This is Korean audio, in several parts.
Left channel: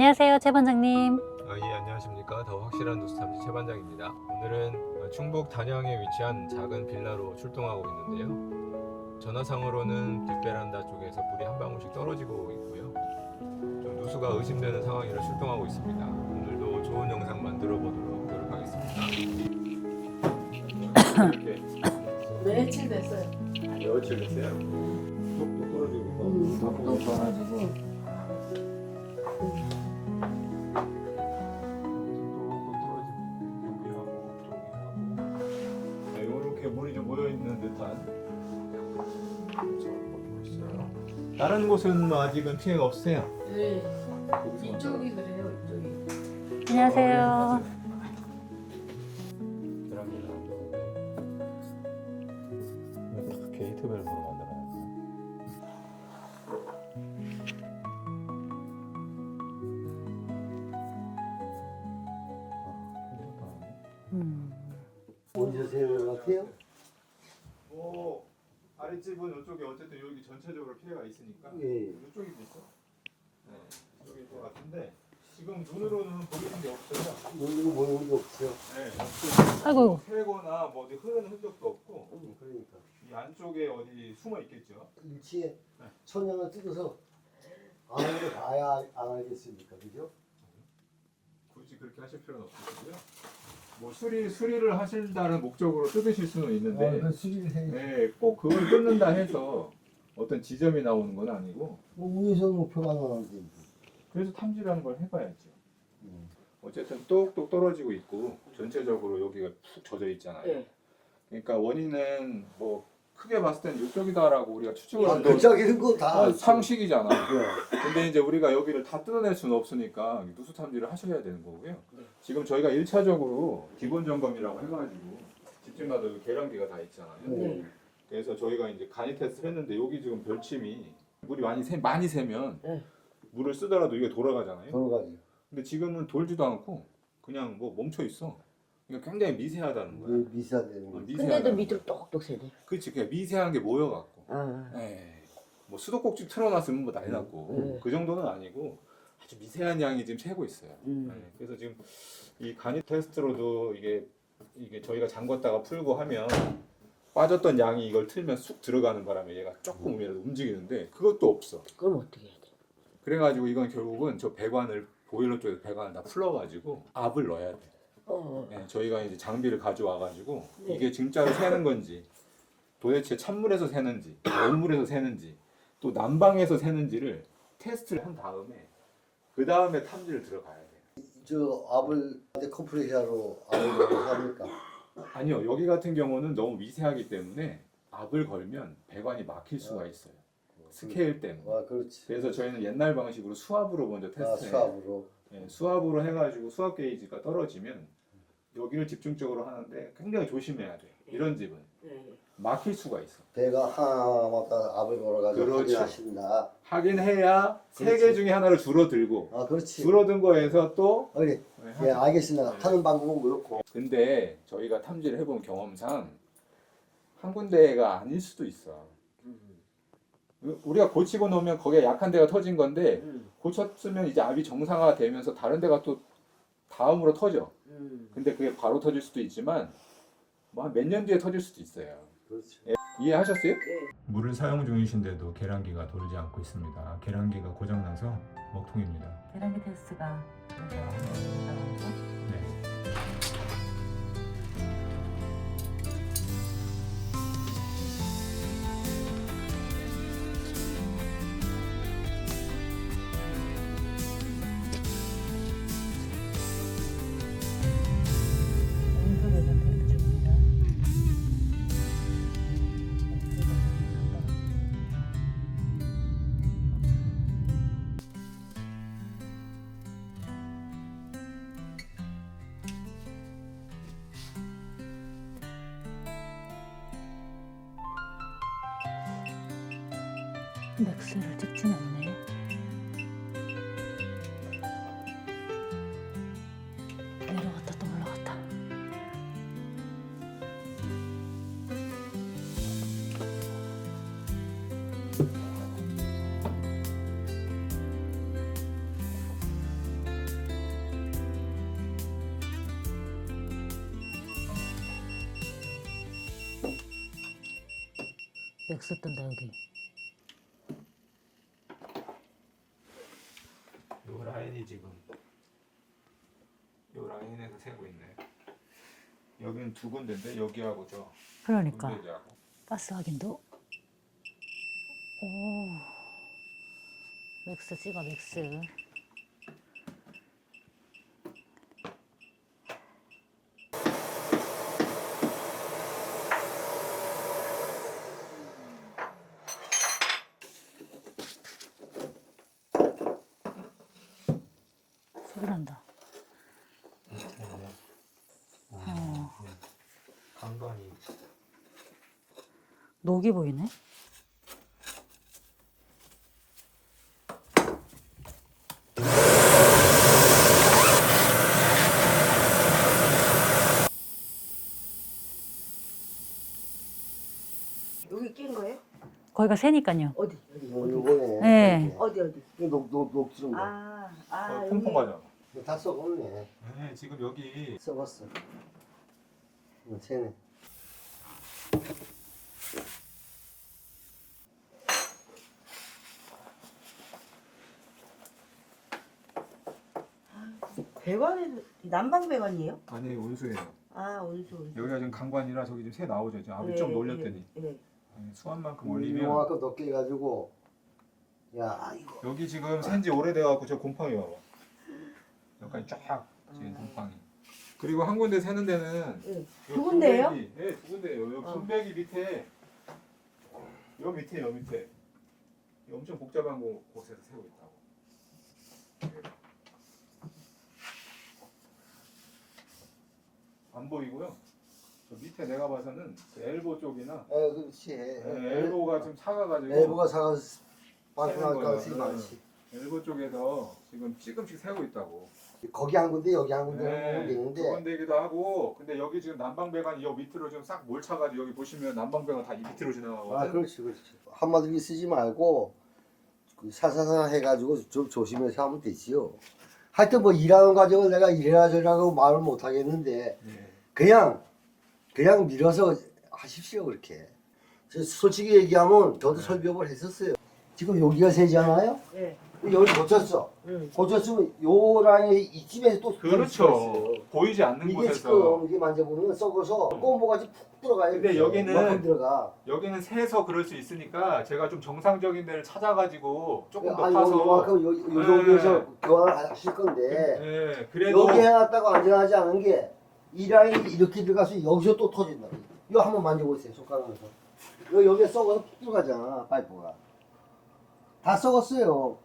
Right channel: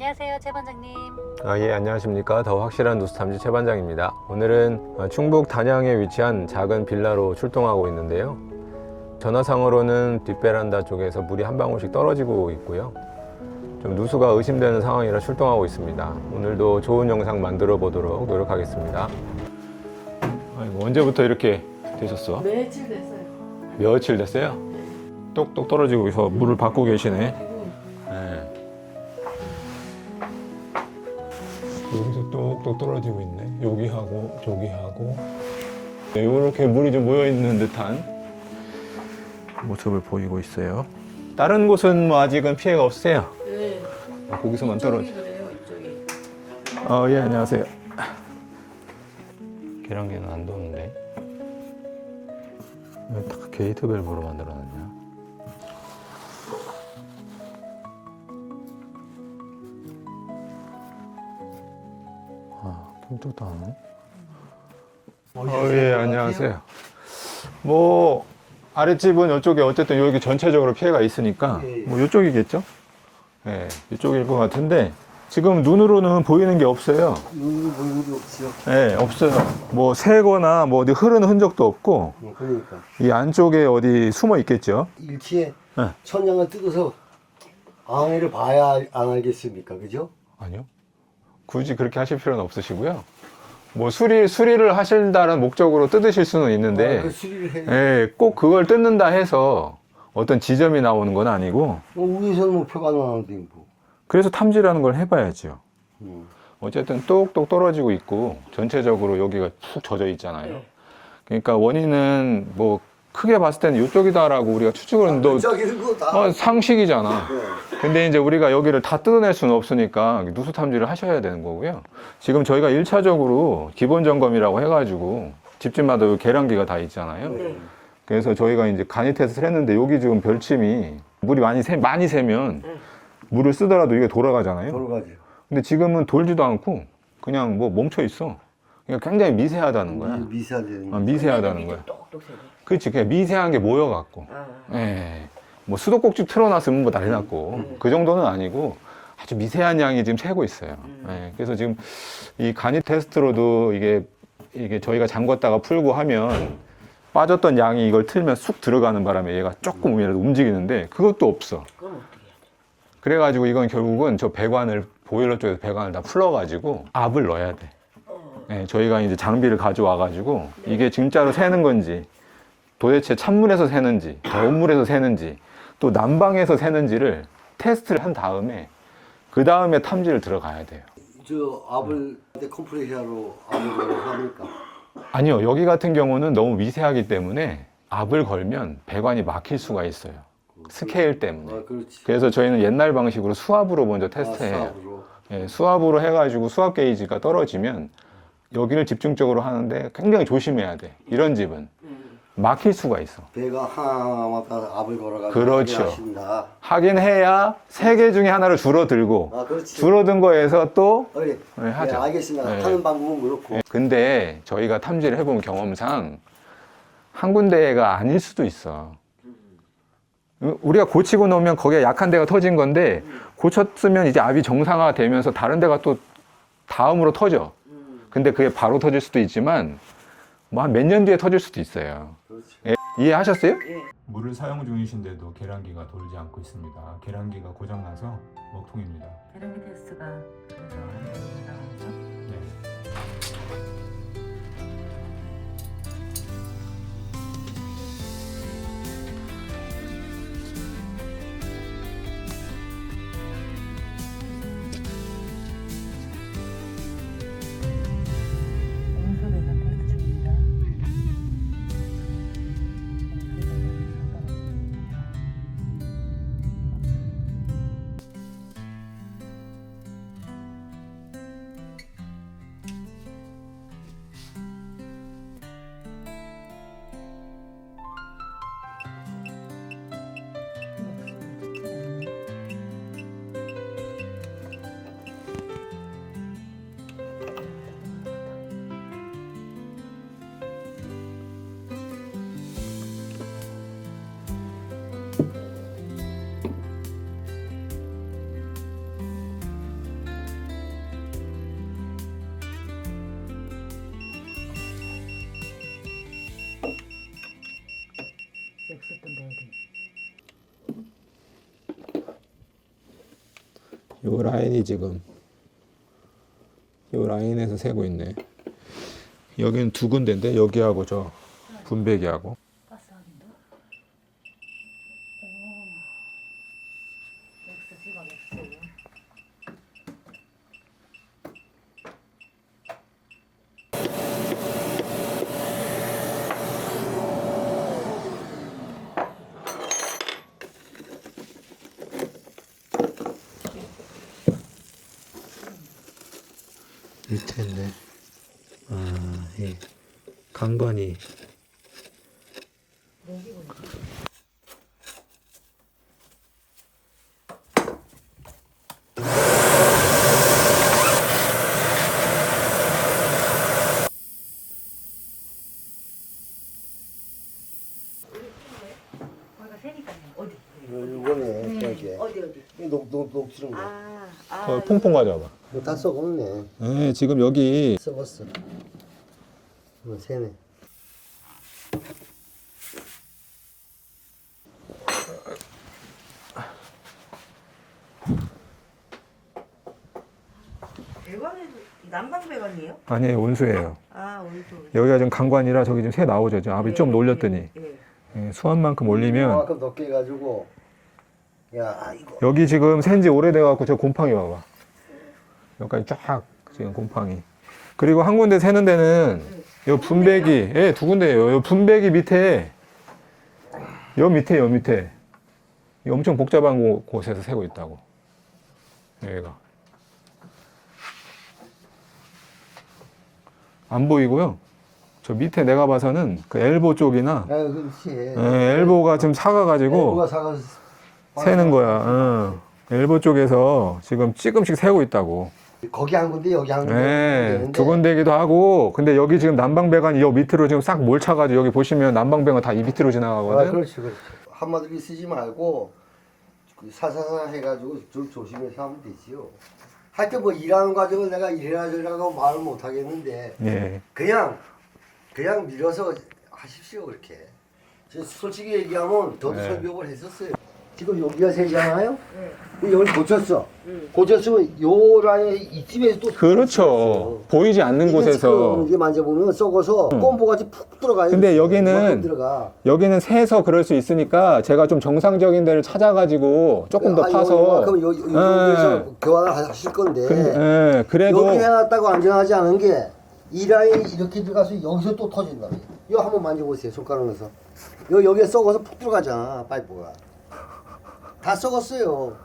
안녕하세요, 최 반장님. 예, 안녕하십니까. 더 확실한 누수탐지 최 반장입니다. 오늘은 충북 단양에 위치한 작은 빌라로 출동하고 있는데요. 전화상으로는 뒷베란다 쪽에서 물이 한 방울씩 떨어지고 있고요. 좀 누수가 의심되는 상황이라 출동하고 있습니다. 오늘도 좋은 영상 만들어 보도록 노력하겠습니다. 아이고, 언제부터 이렇게 되셨어? 며칠 됐어요. 여며칠 됐어요? 똑똑 떨어지고 있어. 물을 받고 계시네. 여기서 똑똑 떨어지고 있네. 여기하고 저기하고 이렇게 물이 좀 모여 있는 듯한 모습을 보이고 있어요. 다른 곳은 뭐 아직은 피해가 없으세요? 네. 거기서만 떨어져. 그래요, 이쪽이. 안녕하세요. 예, 안녕하세요. 계란기는 안 도는데. 왜 딱 게이트 밸브로 만들어놨냐? 뚱뚱도 안 하네. 예, 안녕하세요. 뭐 아랫집은 이쪽에 어쨌든 여기 전체적으로 피해가 있으니까 뭐 이쪽이겠죠? 예, 이쪽일 것 같은데 지금 눈으로는 보이는 게 없어요. 눈 보이는 게 없지요. 예, 없어요. 아이고. 뭐 새거나 뭐 어디 흐르는 흔적도 없고 그러니까 이 안쪽에 어디 숨어 있겠죠? 일치에 네. 천장을 뜯어서 앙해를 봐야 안 알겠습니까, 그죠? 아니요. 굳이 그렇게 하실 필요는 없으시고요. 뭐 수리를 하신다는 목적으로 뜯으실 수는 있는데 그 수리를 해야. 예, 꼭 그걸 뜯는다 해서 어떤 지점이 나오는 건 아니고 위에서는 목표가 나오는데 뭐. 그래서 탐지라는 걸 해봐야죠. 음. 어쨌든 똑똑 떨어지고 있고 전체적으로 여기가 푹 젖어 있잖아요. 네. 그러니까 원인은 뭐 크게 봤을 때는 이쪽이다라고 우리가 추측을 하는데 저기는 거 다. 상식이잖아. 네. 근데 이제 우리가 여기를 다 뜯어낼 수는 없으니까 누수 탐지를 하셔야 되는 거고요. 지금 저희가 1차적으로 기본 점검이라고 해가지고 집집마다 여기 계량기가 다 있잖아요. 네. 그래서 저희가 이제 간이 테스트를 했는데 여기 지금 별침이 물이 많이 새면 물을 쓰더라도 이게 돌아가잖아요. 돌아가죠. 근데 지금은 돌지도 않고 그냥 뭐 멈춰 있어. 그러니까 굉장히 미세하다는 거야. 미세하다는 거. 미세하다는 거야. 똑똑 세네. 그렇지. 그냥 미세한 게 모여갖고. 아. 예. 뭐 수도꼭지 틀어놨으면 뭐 난리 났고 그 정도는 아니고 아주 미세한 양이 지금 새고 있어요. 예. 그래서 지금 이 간이 테스트로도 이게 저희가 잠궜다가 풀고 하면 빠졌던 양이 이걸 틀면 쑥 들어가는 바람에 얘가 조금이라도 움직이는데 그것도 없어. 그럼 어떻게 해야 돼? 그래가지고 이건 결국은 저 배관을 보일러 쪽에서 배관을 다 풀어가지고 압을 넣어야 돼. 예, 저희가 이제 장비를 가져와가지고 이게 진짜로 새는 건지 도대체 찬물에서 새는지 더운물에서 새는지 또 난방에서 새는지를 테스트를 한 다음에 그 다음에 탐지를 들어가야 돼요. 저 압을 컴프레셔로 압을 걸어서 합니까? 아니요, 여기 같은 경우는 너무 미세하기 때문에 압을 걸면 배관이 막힐 수가 있어요. 스케일 때문에. 아, 그렇지. 그래서 저희는 옛날 방식으로 수압으로 먼저 테스트해요. 수압으로. 예, 수압으로 해가지고 수압 게이지가 떨어지면 여기를 집중적으로 하는데 굉장히 조심해야 돼. 이런 집은 막힐 수가 있어. 배가 하나마다 압을 걸어가지고 그렇죠. 확인하신다. 확인해야 세 개 중에 하나를 줄어들고 아, 그렇지. 줄어든 거에서 또 네, 네, 하죠. 알겠습니다. 네. 하는 방법은 그렇고. 예, 근데 저희가 탐지를 해본 경험상 한 군데가 아닐 수도 있어. 우리가 고치고 놓으면 거기에 약한 데가 터진 건데 고쳤으면 이제 압이 정상화가 되면서 다른 데가 또 다음으로 터져. 근데 그게 바로 터질 수도 있지만 뭐 한 몇 년 뒤에 터질 수도 있어요. 예, 이해하셨어요? 물을 사용 중이신데도 계량기가 돌지 않고 있습니다. 계량기가 고장나서 먹통입니다. 계량기 테스트가 그래서 나와서 네. 온수 배관 테스트 중입니다. 온수 배관이 상관없습니다. 없었던데 애들. 요 라인이 지금 요 라인에서 세고 있네. 여기는 두 군데인데 여기하고 저 그러니까. 분배기하고. 가스 확인도. 오. 맥스 찍어 맥스. 소리 난다. 밑에인데. 아, 예. 강관이. 녹이 보이네. 여기 끼는 거예요? 거기가 새니까요. 어디? 요번에. 네. 어디? 녹지는 거. 퐁퐁 가져와봐. 이거 다 썩었네. 네, 지금 여기 썩었어. 새네. 배관은 난방 배관이에요? 아니 온수예요. 아, 온수. 여기가 지금 강관이라 저기 지금 새 나오죠. 지금 압이 좀 올렸더니 예, 수압만큼 올리면 이만큼 높게 해가지고. 야, 이거. 여기 지금 새인지 오래돼갖고 저 곰팡이 와봐. 여기까지 쫙 지금 곰팡이. 그리고 한 군데 새는 데는 요 두 분배기, 예, 두 군데예요. 요 분배기 밑에, 요 밑에, 이 엄청 복잡한 곳에서 새고 있다고. 여기가. 안 보이고요. 저 밑에 내가 봐서는 그 엘보 쪽이나, 아, 그렇지. 예, 엘보가 좀 사가가지고 엘보가 사가서 새는 거야. 어. 엘보 쪽에서 지금 조금씩 새고 있다고. 거기 한 군데 여기 한 군데. 네, 두 군데기도 하고, 근데 여기 지금 난방배관이 여 밑으로 지금 싹 몰차가지고 여기 보시면 난방배관 다 이 밑으로 아, 지나가거든. 그렇지. 한마디로 쓰지 말고 그 사사사 해가지고 좀 조심해서 하면 되지요. 하여튼 뭐 일하는 과정을 내가 이래라 저래라고 말을 못 하겠는데 예. 그냥 밀어서 하십시오 그렇게. 저 솔직히 얘기하면 저도 네. 설명을 했었어요. 지금 여기가 새잖아요. 네. 여기 고쳤어. 고쳤으면 요 라인 이쯤에서 또 그렇죠. 보이지 않는 곳에서. 이게 만져보면 썩어서 꼼보같이 푹 들어가요. 근데 여기는 이만큼 들어가. 여기는 새서 그럴 수 있으니까 제가 좀 정상적인 데를 찾아가지고 조금 더 파서. 요만큼 여기에서 교환을 하실 건데 예, 그래도. 여기 해놨다고 안전하지 않은 게 이 라인 이렇게 들어가서 여기서 또 터진다. 이거 한번 만져보세요 손가락에서. 여기에 썩어서 푹 들어가잖아 파이프가. 다 썩었어요.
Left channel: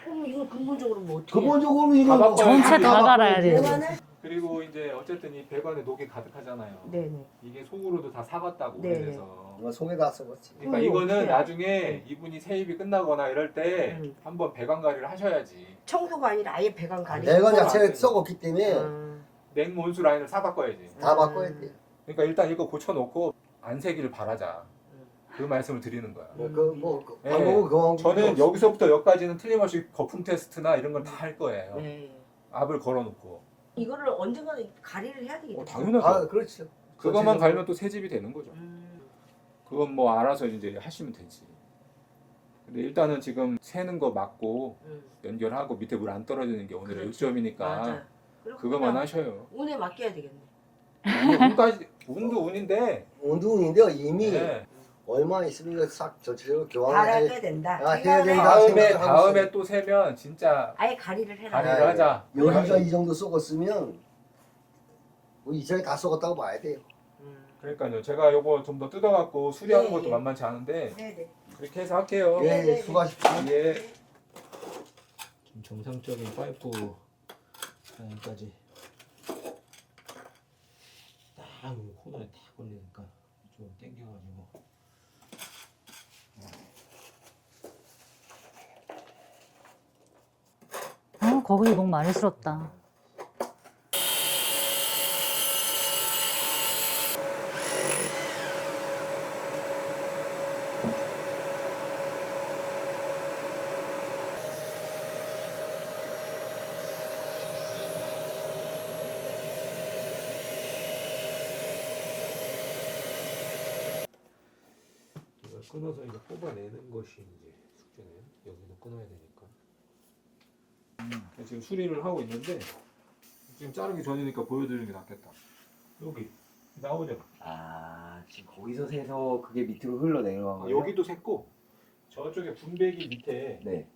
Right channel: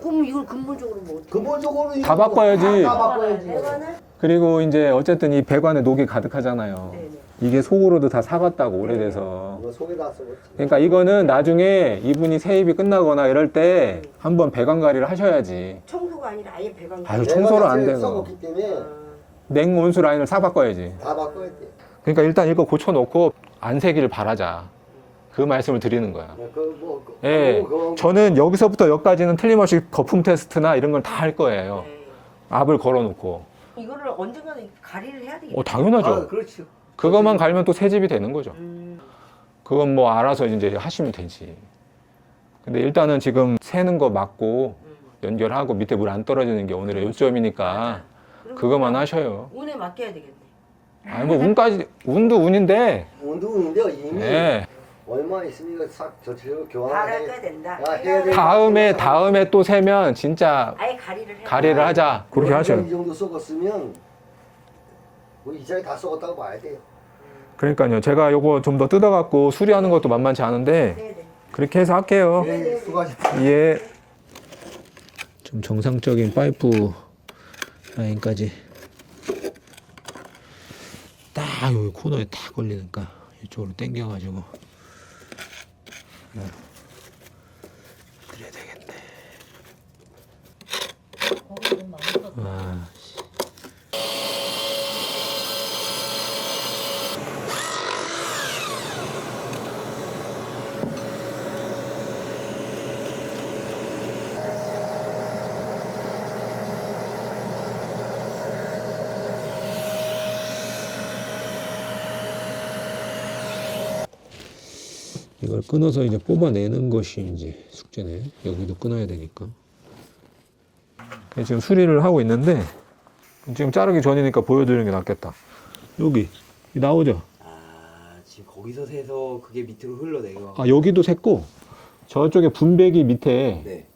그럼 이걸 근본적으로 뭐 어떻게? 근본적으로 다 바꿔야지. 다 갈아야 돼. 배관을? 그리고 이제 어쨌든 이 배관에 녹이 가득하잖아요. 네네. 이게 속으로도 다 사갔다고 오래돼서. 속에 다 썩었지. 그러니까 이거는 나중에 이분이 세입이 끝나거나 이럴 때 한번 배관 관리를 하셔야지. 청소가 아니라 아예 배관. 아유, 가리. 청소를 내가 안 자체가 되나. 썩었기 때문에 냉온수 라인을 싹 바꿔야지. 다 바꿔야 돼. 그러니까 일단 이거 고쳐놓고 안 새기를 바라자. 그 말씀을 드리는 거야. 예, 저는 여기서부터 여기까지는 틀림없이 거품 테스트나 이런 걸 다 할 거예요. 네. 압을 걸어놓고. 이거를 언젠가는 가리를 해야 되겠다. 당연하죠. 아, 그렇죠. 그것만 갈면 또 새집이 되는 거죠. 그건 뭐 알아서 이제 하시면 되지. 근데 일단은 지금 새는 거 막고 연결하고 밑에 물 안 떨어지는 게 오늘의 요점이니까 맞아. 그럼 그것만 그냥 하셔요. 운에 맡겨야 되겠네. 아니 뭐 운까지 운도 운인데. 원두운인데 이미 네. 얼마 있으니까 싹 전체적으로 갈아야 교환을 된다. 아, 해야 돼. 다음에 또 세면 진짜 아예 가리를 해. 가리를 하자. 그렇게 하셔요. 이 정도 썩었으면 뭐 이장이 다 썩었다고 봐야 돼요. 그러니까요. 제가 요거 좀 더 뜯어갖고 수리하는 것도 만만치 않은데 네네. 그렇게 해서 할게요. 네, 수고하십시오. 예. 좀 정상적인 파이프 라인까지 딱 여기 코너에 딱 걸리니까 이쪽으로 당겨가지고 드려야 되겠네. 거기 목 많이 썼다. 아. 이걸 끊어서 이제 뽑아내는 것이 이제 숙제네. 여기도 끊어야 되니까. 지금 수리를 하고 있는데 지금 자르기 전이니까 보여드리는 게 낫겠다. 여기 나오죠? 아 지금 거기서 새서 그게 밑으로 흘러내려. 아 여기도 샜고 저쪽에 분배기 밑에 네.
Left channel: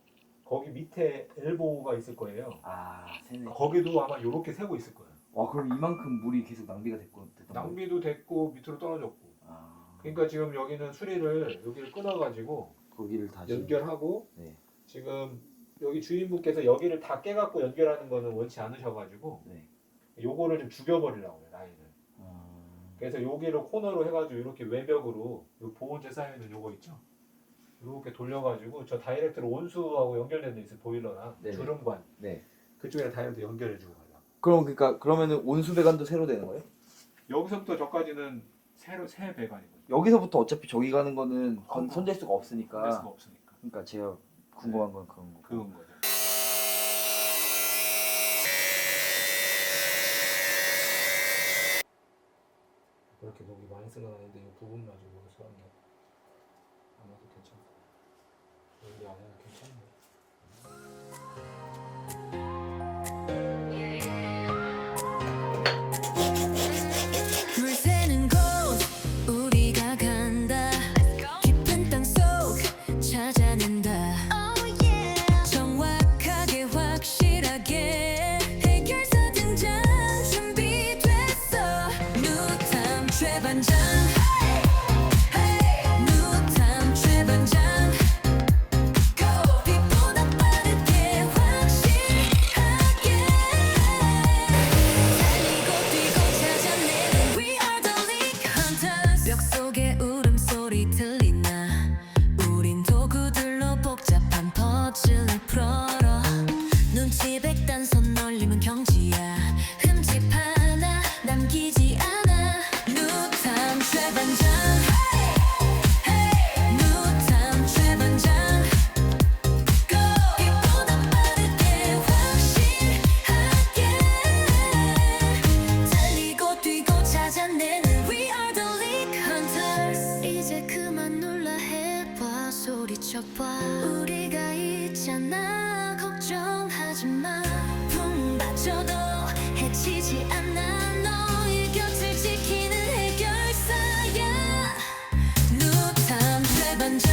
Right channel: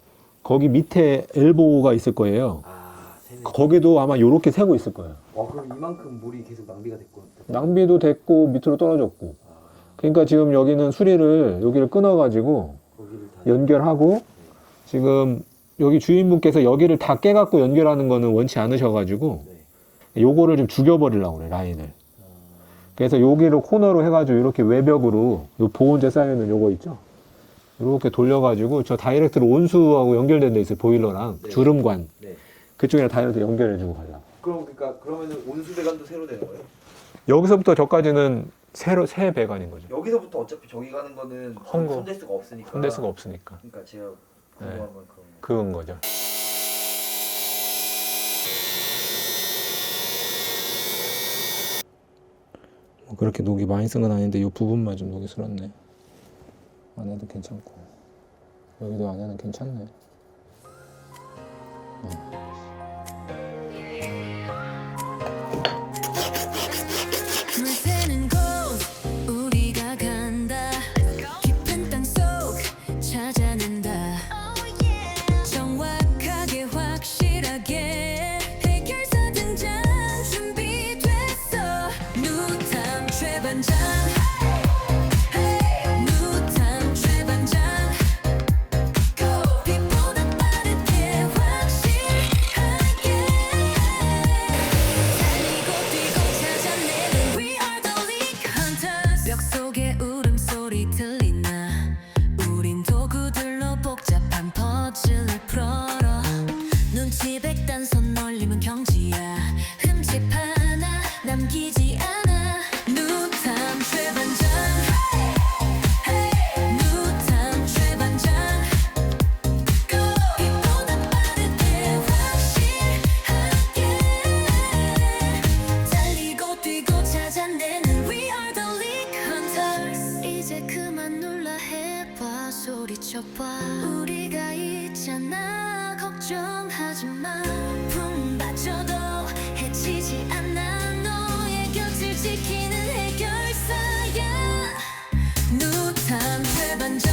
거기 밑에 엘보가 있을 거예요. 아 새네. 거기도 아마 요렇게 새고 있을 거예요. 그럼 이만큼 물이 계속 낭비가 됐고. 낭비도 됐고 밑으로 떨어졌고. 아, 그러니까 지금 여기는 수리를 여기를 끊어가지고 거기를 다. 연결하고 네. 지금 여기 주인분께서 여기를 다 깨갖고 연결하는 거는 원치 않으셔가지고 네. 요거를 좀 죽여버리려고 그래 라인을. 그래서 여기를 코너로 해가지고 이렇게 외벽으로 요 보온재 쌓여있는 요거 있죠? 이렇게 돌려가지고 저 다이렉트로 온수하고 연결된 데 있어요. 보일러랑 네. 주름관 네. 그쪽이랑 다이렉트 연결해주고 가려고. 그러면은 온수 배관도 새로 되는 거예요? 여기서부터 저까지는 새 배관인 거죠. 여기서부터 어차피 저기 가는 거는 헝거. 손댈 수가 없으니까. 손댈 수가 없으니까. 그러니까 제가 궁금한 건 그런 거. 그건 거죠. 뭐 그렇게 녹이 많이 쓴 건 아닌데 이 부분만 좀 녹이 슬었네. 안에도 괜찮고 여기도 안에는 괜찮네. 물 새는 곳 우리가 간다 깊은 땅속 찾아낸다 정확하게 확실하게 해결사 등장 준비됐어 누탐 최반장 누탐 최반장 빛보다 빠르게 확실하게 달리고 뛰고 찾아내는 We are the league hunters 벽 속에 울음소리 들리나 우린 도구들로 복잡한 퍼즐을 풀어라 눈치 백단선 올리면 경지야 흠집 하나 남기지 않아 누탐 최반장 누탐 최반장 빛보다 빠르게 확실하게 달리고 뛰고 찾아내는 We are the league hunters 이제 그만 놀라 해봐 소리쳐봐 우리가 있잖아 걱정하지 마 풍받쳐도 해치지 않아 너의 곁을 지키는 해결사야 누탐 최반장